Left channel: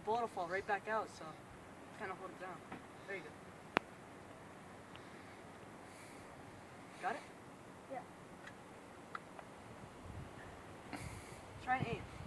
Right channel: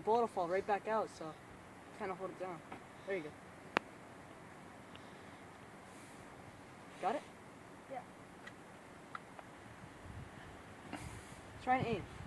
the bullet will fall right back out, so kind of hold it down. There you go. Got it? Yeah. Try and aim.